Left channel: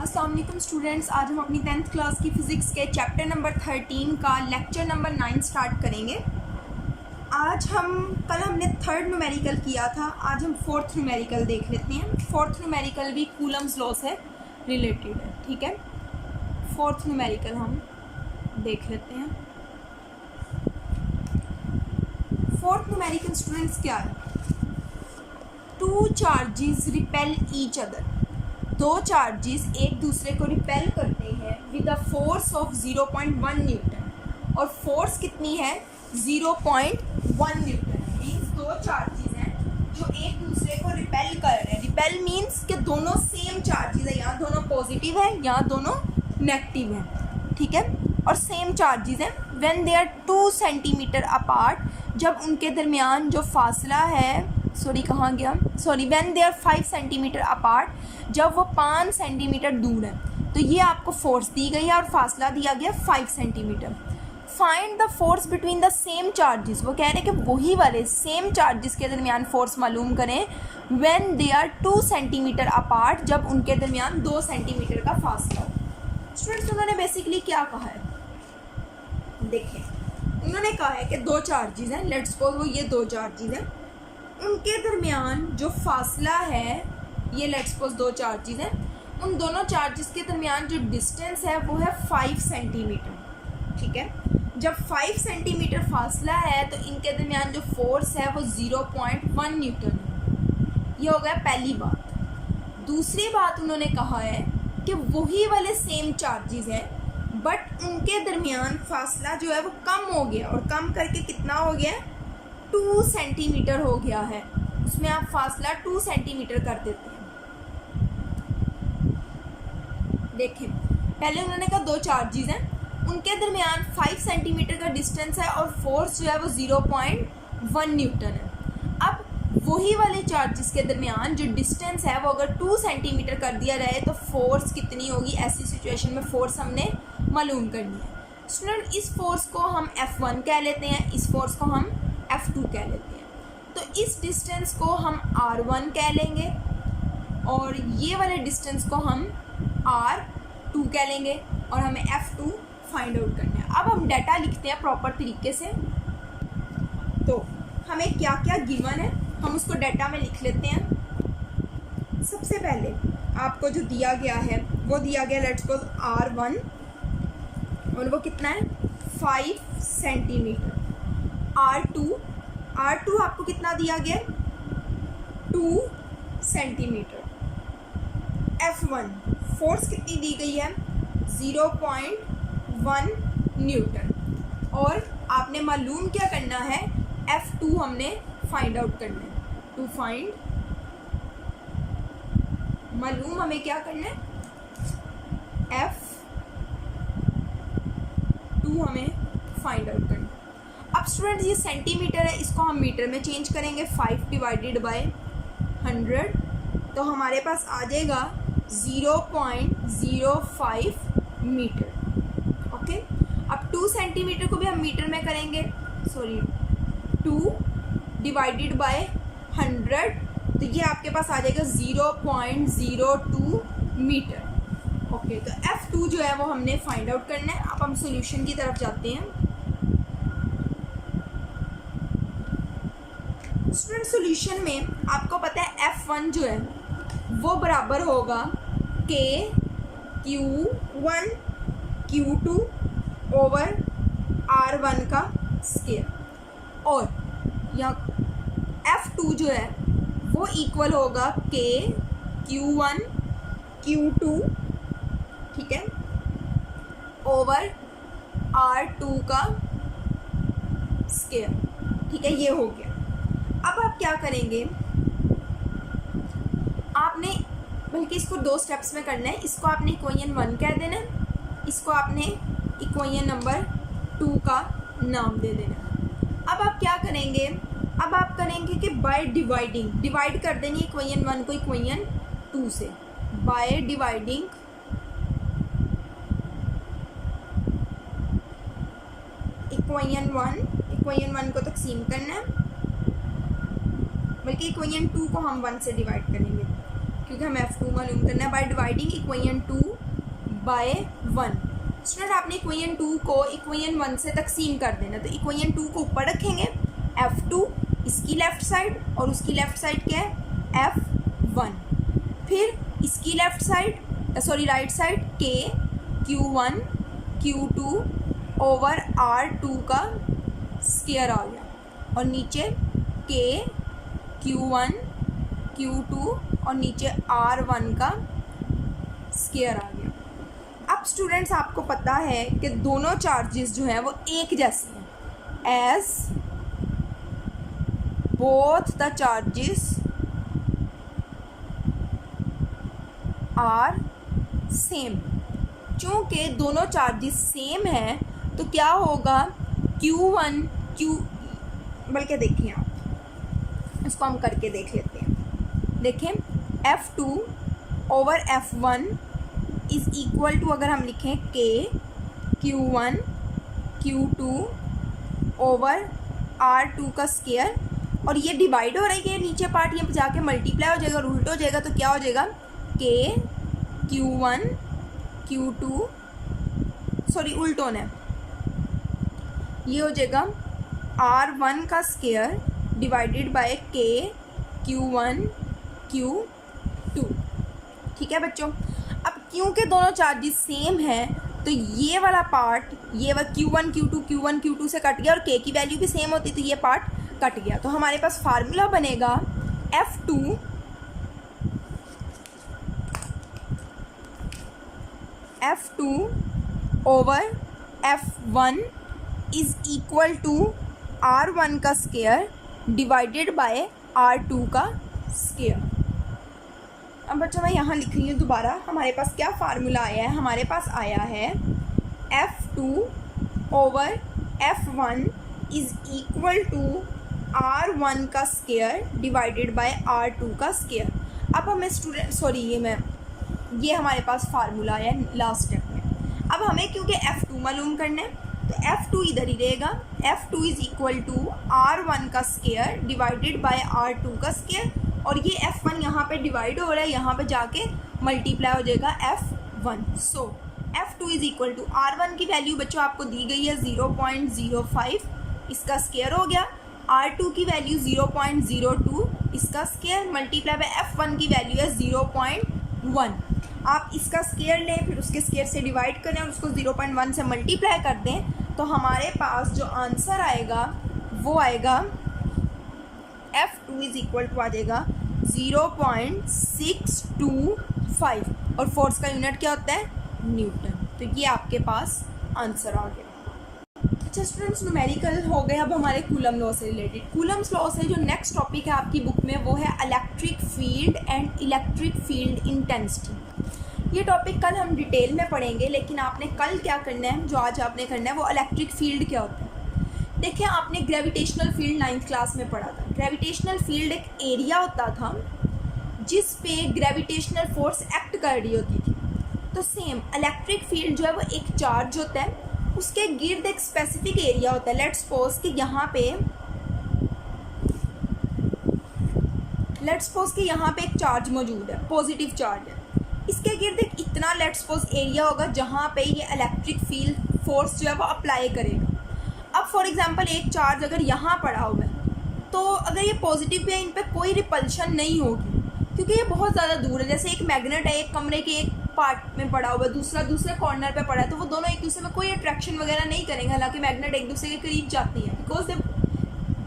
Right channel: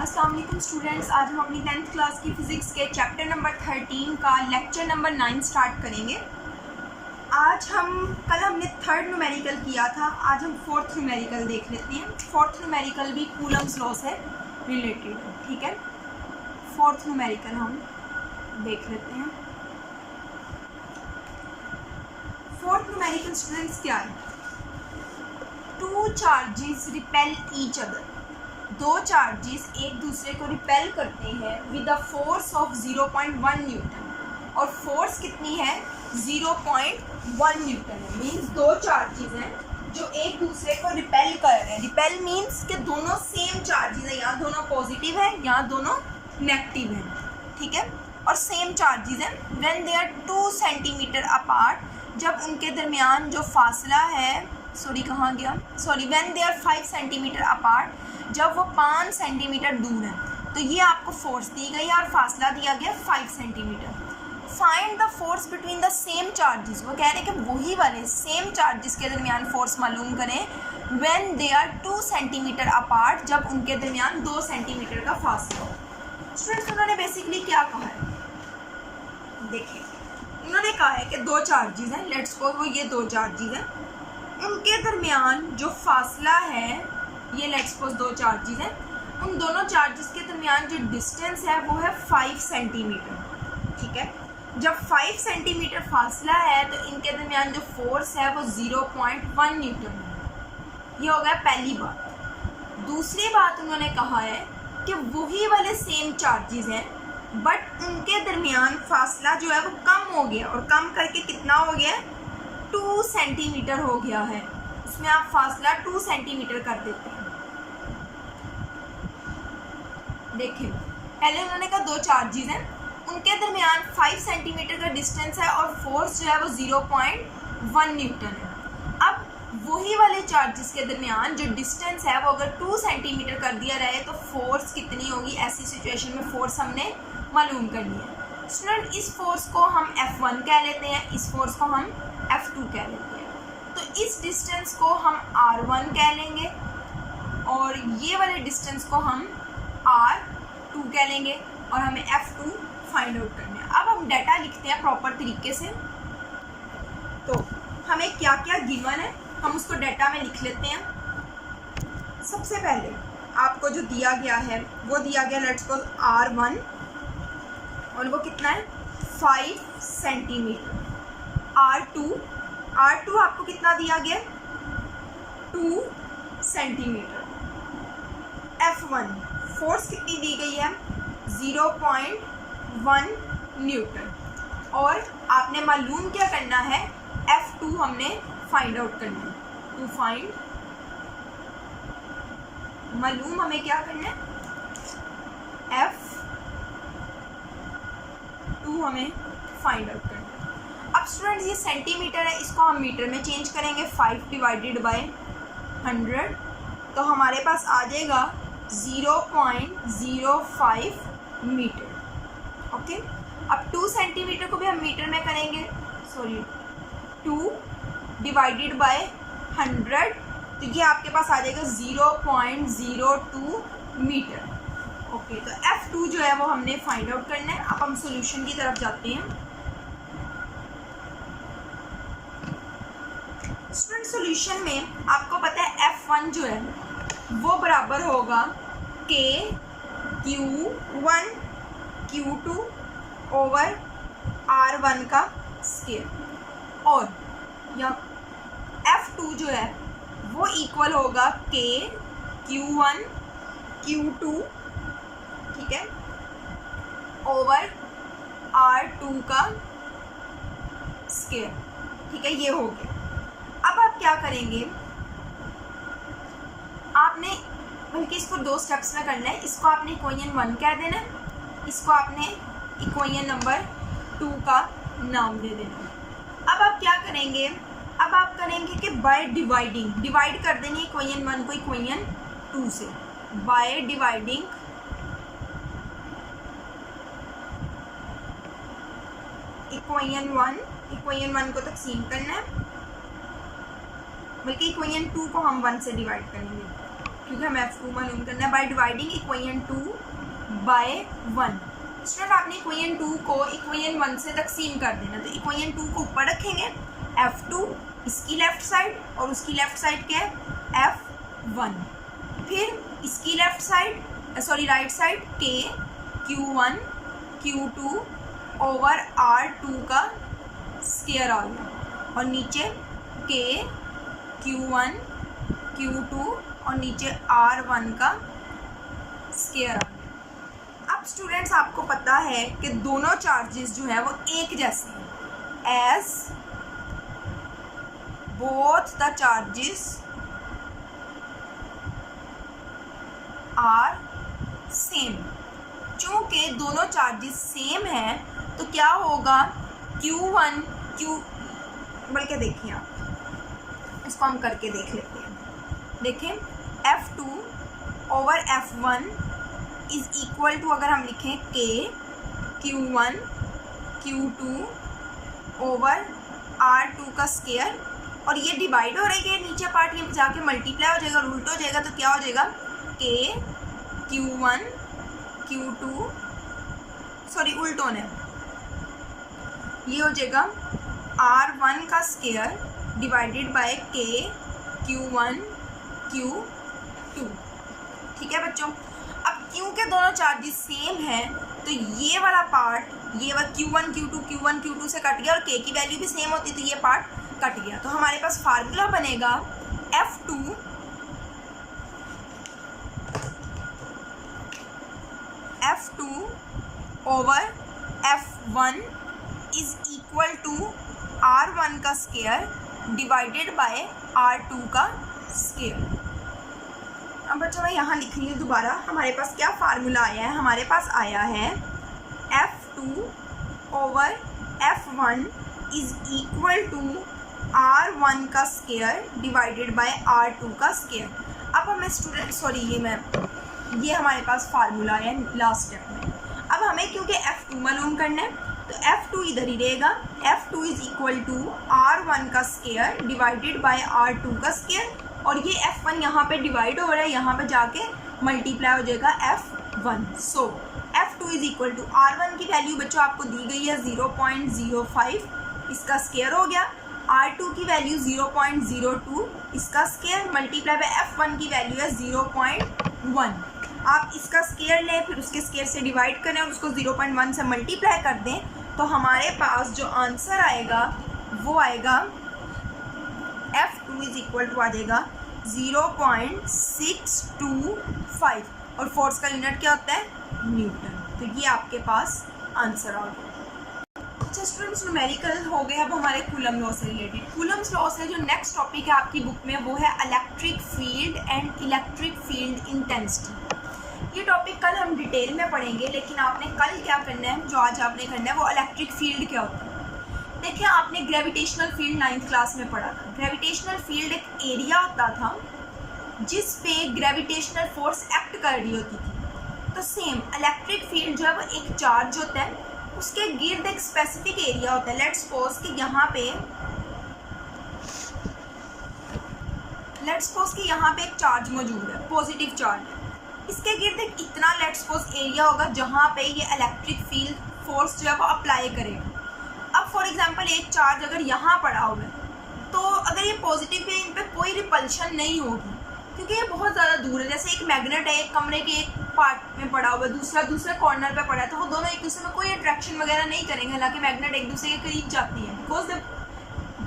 अस्सलाम वालेकुम स्टूडेंट्स, आज हम अपनी 10th क्लास की फ़िज़िक्स के चैप्टर नंबर 13 का लेक्चर नंबर 9 स्टार्ट करेंगे। कल हमने थर्ड न्यूमेरिकल किया था, आज हम फोर्थ न्यूमेरिकल देख लेते हैं। फोर्थ न्यूमेरिकल भी कूलम्स लॉ से रिलेटेड है, ठीक है। फोर्थ न्यूमेरिकल हम देख लेते हैं। फोर्थ न्यूमेरिकल स्टूडेंट्स क्या है? Two charges repel each other, दो चार्जेस एक दूसरे को रिपेल करते हैं with a force of 0.1 Newton, और फोर्स कितनी है? 0.1 न्यूटन है। मीन्स दो चार्जेस हैं जो एक दूसरे को रिपेल कर रहे हैं। रिपेल मीन्स कि दोनों सेम चार्जेस हैं, यहाँ दोनों पॉजिटिव है, यहाँ दोनों नेगेटिव हैं, ठीक है, और सेम चार्जेस हैं। When they are 2 centimetre apart, जब उनके दरमियान जो फासला है, when they are 5 centimetre apart, जब वो 5 सेंटीमीटर दूर है। तो ये आपको फोर्स दी गई है और फासला दिया गया 5 centimetre. Find the force between the same charges, वो कह रहे हैं कि वही वाले सेम चार्जेस के दरमियान फोर्स मालूम करें when they are 2 centimetre apart, जब उनके दरमियान 2 सेंटीमीटर का फासला हो। स्टूडेंट्स, उन्होंने बेसिकली क्या कहा है? देखिए, उन्होंने कहा है कि दो चार्जेस हैं, लेट्स सपोज वो ये दो चार्जेस हैं, उनके दरमियान जो फासला है, ये लेट्स सपोज दो चार्जेस हैं, उन दोनों चार्जेस के दरमियान जो डिस्टेंस है वो है 5 सेंटीमीटर, ठीक है। जब 5 सेंटीमीटर फासला है तो इनके दरमियान जो फोर्स है वो 0.1 न्यूटन है। ये हो गया पहली बात। दूसरी बात उन्होंने कहा है कि वही वाले सेम चार्जेस हैं, बट उनके दरमियान फासला जो है वो कम हो गया, और कम करके कितना हो गया है? 2 सेंटीमीटर हो गया है। इसमें आप फासला 2 सेंटीमीटर कर देते हैं। देखिए, पहले उन्होंने कहा दो चार्जेस हैं, उनके दरमियान 5 सेंटीमीटर का डिस्टेंस है और फोर्स जो है वो 0.1 न्यूटन है। अब वही वाले चार्जेस के दरमियान जो डिस्टेंस है वो अगर 2 सेंटीमीटर कर दिया रहे तो फोर्स कितनी होगी? ऐसी सिचुएशन में फोर्स हमने मालूम करनी है। स्टूडेंट, इस फोर्स को हम F1 कह लेते हैं, इस फोर्स को हम F2 कह लेते हैं। तो इस डिस्टेंस को हम R1 कह लेंगे और ये वाले डिस्टेंस को हम R2 कह लेंगे, और हमें F2 फाइंड आउट करना है। अब हम डाटा लिखते हैं प्रॉपर तरीके से। तो हमें क्या क्या गिवन है हम उसको डाटा में लिख लेते हैं। सबसे पहले आपको जो दिया गया है वो दिया गया लेट्स सपोज R1, और वो कितना है? 5 सेंटीमीटर। R2 आपको कितना दिया गया? 2 सेंटीमीटर। F1 फोर्स कितनी दी गई है? 0.1 न्यूटन, और आपने मालूम क्या करना है? F2 हमने फाइंड आउट करना है। टू फाइंड, मालूम हमें क्या करना है? F2 हमें फाइंड आउट करना है। अब स्टूडेंट्स, ये सेंटीमीटर है, इसको हम मीटर में चेंज करेंगे। 5 डिवाइडेड बाय 100, तो हमारे पास आ जाएगा 0.05 मीटर। ओके, अब 2 सेंटीमीटर को भी हम मीटर में करेंगे। 2 डिवाइडेड बाय 100, तो ये आपके पास आ जाएगा 0.02 मीटर। ओके, तो F2 जो है वो हमने फाइंड आउट करना है। अब हम सॉल्यूशन की तरफ जाते हैं। स्टूडेंट, सॉल्यूशन में आपको पता है F1 जो है वो बराबर होगा KQ1 Q2 ओवर R1 का स्क्वायर, और यहाँ F2 जो है वो इक्वल होगा KQ1 Q2, ठीक है, ओवर R2 का स्क्वायर, ठीक है। ये हो गया। अब आप क्या करेंगे? आपने बल्कि इसको 2 स्टेप्स में करना है। इसको आपने इक्वेशन 1 कह देना है, इसको आपने इक्वेशन नंबर 2 का नाम दे देना। अब आप क्या करेंगे? अब आप करेंगे कि बाय डिवाइड कर देंगे इक्वेशन 1 को इक्वेशन 2 से। बाय डिवाइडिंग इक्वेशन 1 को तकसीम करना है, बल्कि इक्वेशन 2 को हम 1 से डिवाइड करेंगे। क्योंकि हमें F2 मालूम करना है, by dividing equation 2 by 1। Student आपने इक्वेशन 2 को इक्वेशन 1 से तकसीम कर देना, तो इक्वेशन 2 को ऊपर रखेंगे, F2 इसकी लेफ़्ट साइड और उसकी लेफ़्ट साइड क्या है F1, फिर इसकी left side right side K Q1 Q2 over R2 का स्क्वायर आ गया, और नीचे K Q1 Q2 और नीचे R1 का स्क्वायर आ गया। अब स्टूडेंट्स आपको पता है कि दोनों चार्जेस जो हैं वो एक जैसे हैं, as both the charges are same. चूँकि दोनों चार्जेस सेम हैं तो क्या होगा, Q1 बल्कि देखिए आप इसको हम करके देख लेते हैं। देखें F2 over F1 is equal to, अगर हम लिखें K Q1 Q2 over R2 का स्क्वायर, और ये डिवाइड हो रहा है, नीचे पार्ट ये जाके मल्टीप्लाई हो जाएगा, उल्ट हो जाएगा, तो क्या हो जाएगा K Q1 Q2 उल्ट होना है, ये हो जाएगा R1 का square divided by K Q1 Q2। ठीक है बच्चों, अब क्योंकि दोनों चार्जेस सेम हैं तो ये वाला पार्ट, ये वाला Q1 Q2 से कट गया, और K की वैल्यू भी सेम होती तो ये पार्ट कट गया। तो हमारे पास फार्मूला बनेगा F2 over F1 is equal to R1 का स्क्वायर डिवाइडेड बाय R2 का स्क्वायर। अब बच्चों मैं यहाँ लिख रही हूँ दोबारा, हमारे पास क्या फार्मूला आया है, हमारे पास आया है F2 over F1 is equal to R1 का स्क्वायर डिवाइडेड बाय R2 का स्क्वायर। अब हमें ये हमारे पास फार्मूला आया है लास्ट स्टेप में। अब हमें क्योंकि F2 मालूम करना है तो F2 इधर ही रहेगा, F2 is equal to R1 का स्क्वायर डिवाइडेड बाय R2 का स्क्वायर, और ये F1 यहाँ पे डिवाइड हो रहा है, यहाँ पे जाके मल्टीप्लाई हो जाएगा F1। So F2 is equal to R1 की वैल्यू बच्चों आपको दी गई है 0.05, इसका स्क्वायर हो गया, R2 की वैल्यू 0.02, इसका स्क्वायर मल्टीप्लाई बाय F1 की वैल्यू है 0.1। आप इसका स्क्वायर लें, फिर उसके स्क्वायर से डिवाइड करें और उसको 0.1 से मल्टीप्लाई कर दें, तो हमारे पास जो आंसर आएगा वो आएगा F2 इज़ इक्वल टू आ जाएगा 0.625, और फोर्स का यूनिट क्या होता है, न्यूटन। तो ये आपके पास आंसर आ गया। अच्छा स्टूडेंट्स, न्यूमेरिकल हो गए। अब हमारे कूलम लॉ से रिलेटेड, कूलम्स लॉ से जो नेक्स्ट टॉपिक है आपकी बुक में वो है electric field and electric field intensity. ये टॉपिक कल हम डिटेल में पढ़ेंगे, लेकिन आपने कल क्या करना है, जो आज आपने करना है वो इलेक्ट्रिक फील्ड क्या होता है। देखिए आपने ग्रेविटेशनल फील्ड 9th क्लास में पढ़ा था। ग्रेविटेशनल फील्ड एक एरिया होता था जिस पे ग्रेविटेशनल फोर्स एक्ट कर रही होती थी। तो सेम इलेक्ट्रिक फील्ड जो है वो एक चार्ज होता है, उसके गिर्द एक स्पेसिफिक एरिया होता है। लेट्स सपोज कि यहाँ पे एक चार्ज मौजूद है, पॉजिटिव चार्ज है, इसके गिर्द एक इतना लेट्स सपोज एरिया होगा जहाँ पे ये इलेक्ट्रिक फील्ड फोर्स जो है वो अप्लाई करेगा। अब फॉर एग्जांपल एक चार्ज अगर यहाँ पड़ा हुआ है, तो अगर ये पॉजिटिव है, इन पे कोई रिपल्शन नहीं होगी क्योंकि ये बहुत ज़्यादा दूर है। जैसे एक मैग्नेट है, एक कमरे के एक पार्ट में पड़ा हुआ है, दूसरा दूसरे कॉर्नर पे पड़ा है, तो वो दोनों एक दूसरे में कोई अट्रैक्शन वगैरह नहीं करेंगे। हालांकि मैग्नेट एक दूसरे के करीब जाती है बिकॉज दे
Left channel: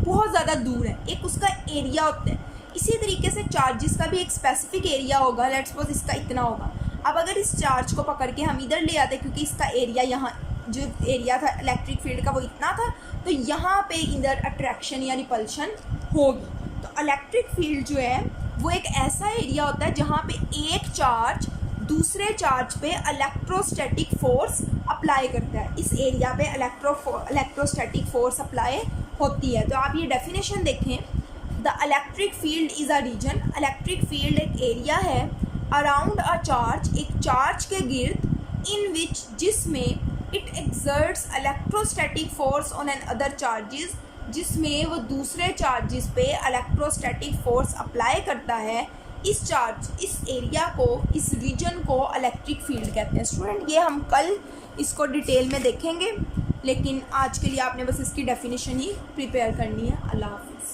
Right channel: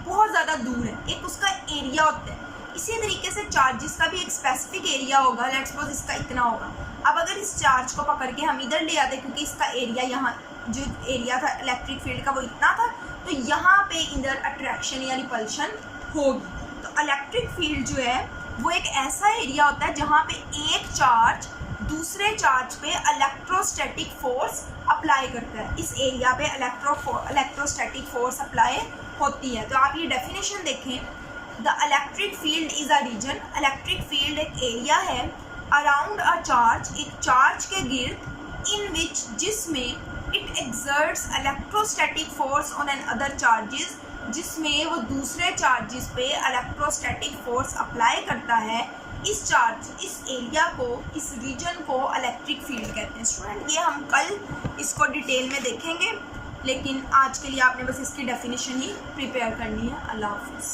बहुत ज़्यादा दूर है, एक उसका एरिया होता है। इसी तरीके से चार्जेस का भी एक स्पेसिफिक एरिया होगा। लेट्स सपोज इसका इतना होगा। अब अगर इस चार्ज को पकड़ के हम इधर ले आते क्योंकि इसका एरिया यहाँ जो एरिया था इलेक्ट्रिक फील्ड का वो इतना था, तो यहाँ पे इधर अट्रैक्शन या रिपल्शन होगी। तो इलेक्ट्रिक फील्ड जो है वो एक ऐसा एरिया होता है जहाँ पे एक चार्ज दूसरे चार्ज पे इलेक्ट्रोस्टैटिक फोर्स अप्लाई करता है। इस एरिया पे इलेक्ट्रोस्टैटिक फोर्स अप्लाई होती है। तो आप ये डेफिनेशन देखें, the electric field is a region. Electric field एक एरिया है अराउंड अ चार्ज, एक चार्ज के गिर्द, इन विच जिसमें it exerts electrostatic force on another charges, जिसमें वो दूसरे चार्जेस पे इलेक्ट्रोस्टैटिक फोर्स अप्लाई करता है इस चार्ज, इस एरिया को, इस रीजन को इलेक्ट्रिक फील्ड कहते हैं स्टूडेंट। ये हम कल इसको डिटेल में देखेंगे, लेकिन आज के लिए आपने बस इसकी डेफिनेशन ही प्रिपेयर करनी है। अल्लाह हाफिज़।